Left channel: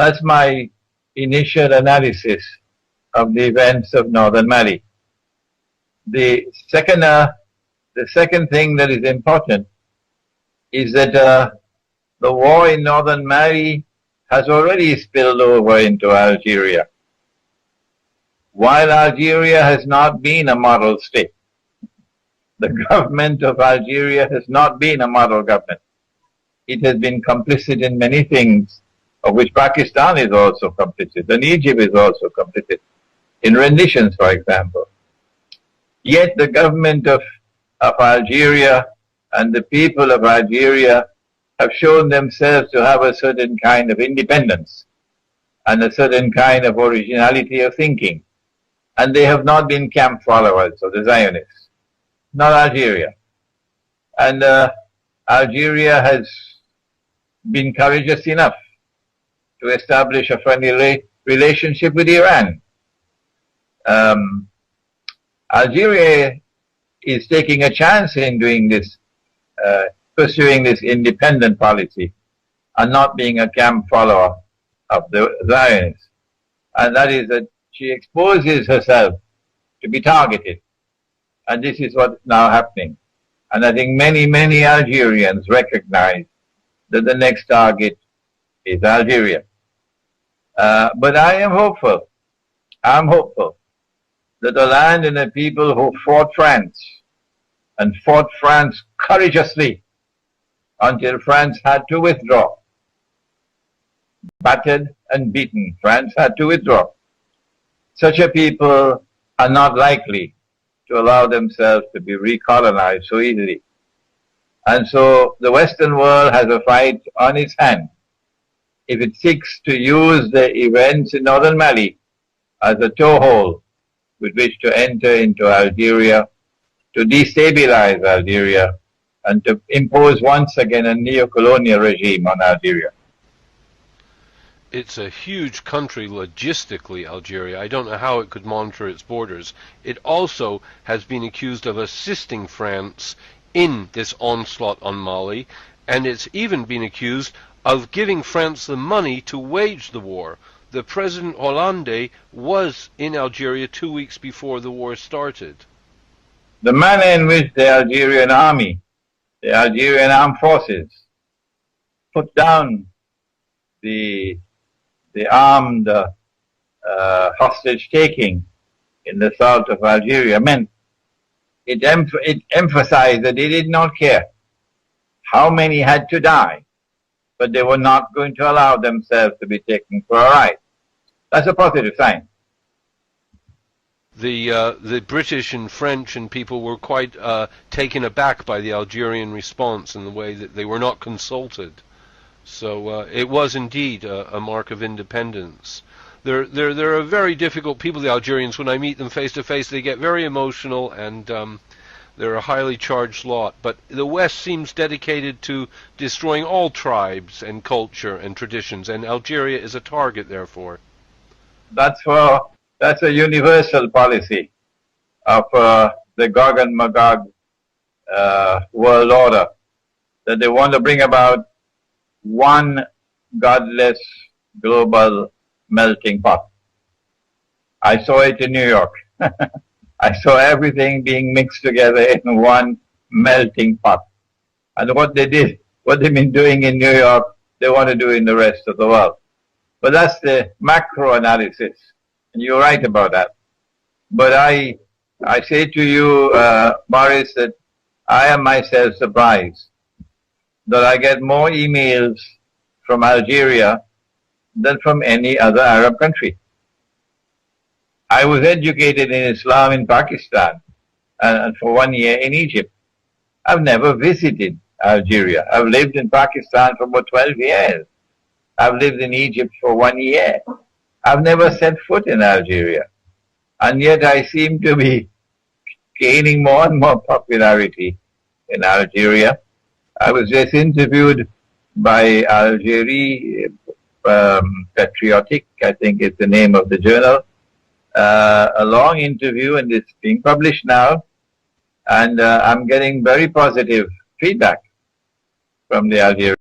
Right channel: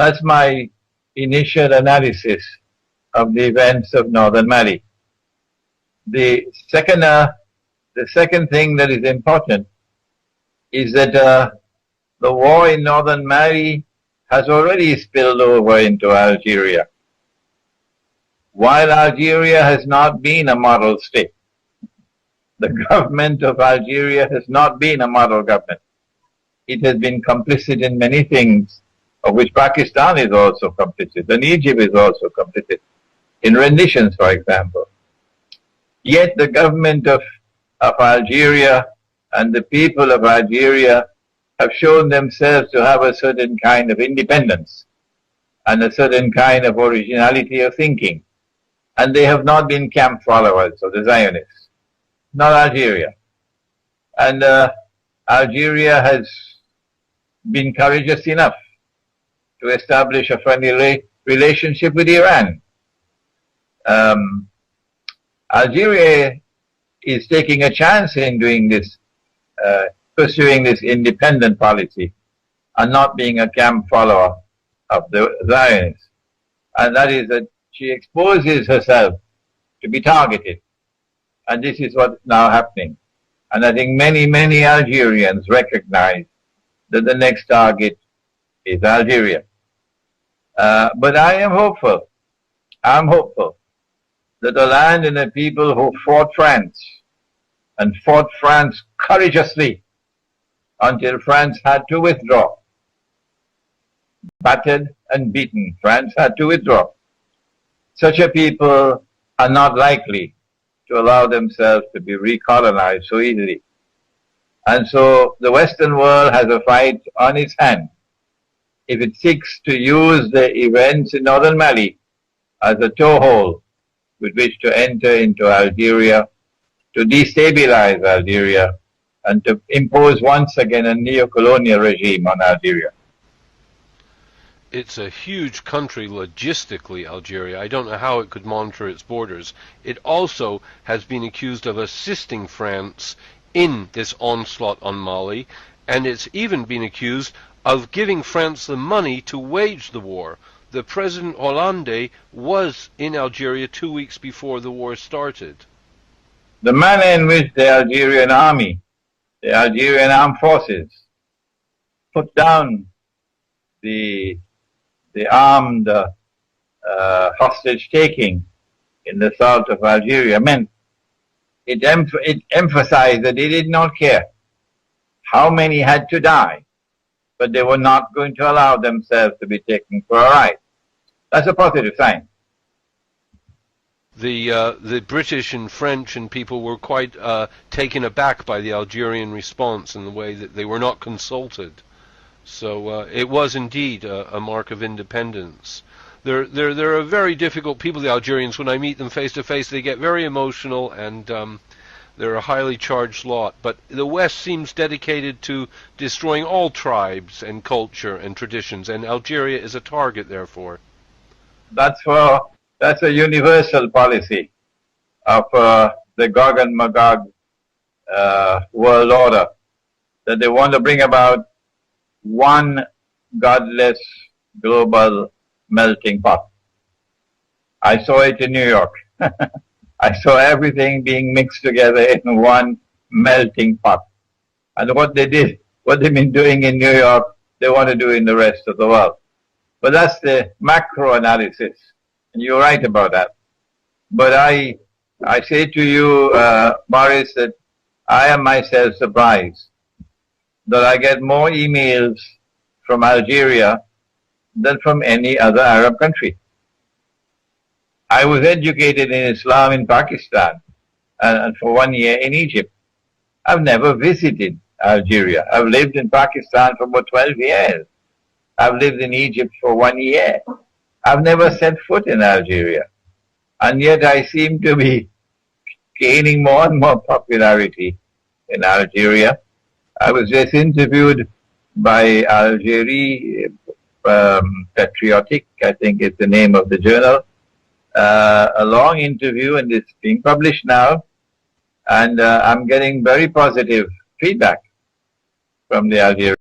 That's my initial analysis of the events of northern Mali. The second thing that is important is that the war in northern Mali has already spilled over into Algeria. While Algeria has not been a model state, the government of Algeria has not been a model government. It has been complicit in many things, of which Pakistan is also complicit, and Egypt is also complicit, in renditions, for example. Yet the government of Algeria and the people of Algeria have shown themselves to have a certain kind of independence and a certain kind of originality of thinking. And they have not been camp followers of the Zionists, not Algeria. And Algeria has been courageous enough to establish a friendly relationship with Iran. Algeria is taking a chance in doing this, pursuing this independent policy and not being a camp follower of the Zionists. And that is that she exposes herself to be targeted. And this is what's now happening. And I think many, many Algerians recognize that the next target is Algeria. But I am hopeful. I'm hopeful that the land and the people who fought France and fought France courageously until France had to withdraw, battered and beaten, France had to withdraw. Such a people are not likely to allow themselves to be recolonized so easily. And so the Western world has a fight on its hand if it seeks to use the events in northern Mali as a toehold with which to enter into Algeria, to destabilize Algeria, and to impose once again a neo-colonial regime on Algeria. It's a huge country logistically, Algeria. I don't know how it could monitor its borders. It also has been accused of assisting France in this onslaught on Mali, and it's even been accused of giving France the money to wage the war. The President Hollande was in Algeria 2 weeks before the war started. The manner in which the Algerian army, the Algerian armed forces, put down the armed hostage-taking in the south of Algeria meant it emphasized that they did not care how many had to die, but they were not going to allow themselves to be taken for a ride. That's a positive sign. The British and French and people were quite taken aback by the Algerian response in the way that they were not consulted. So it was indeed a mark of independence. They're a very difficult people, the Algerians. When I meet them face to face, they get very emotional, and they're a highly charged lot. But the West seems dedicated to destroying all tribes and culture and traditions, and Algeria is a target, therefore. That's a universal policy of the Gog and Magog world order, that they want to bring about one godless global melting pot. I saw it in New York. I saw everything being mixed together in one melting pot. And what they've been doing in New York, they want to do in the rest of the world. But that's the macro analysis. And you're right about that. But I say to you, Boris, that I am myself surprised that I get more emails from Algeria than from any other Arab country. I was educated in Islam in Pakistan and for 1 year in Egypt. I've never visited Algeria. I've lived in Pakistan for about 12 years. I've lived in Egypt for 1 year. I've never set foot in Algeria. And yet I seem to be gaining more and more popularity in Algeria. I was just interviewed by Algeria Patriotic, I think is the name of the journal. A long interview, and it's being published now. And I'm getting very positive feedback from the Algerians.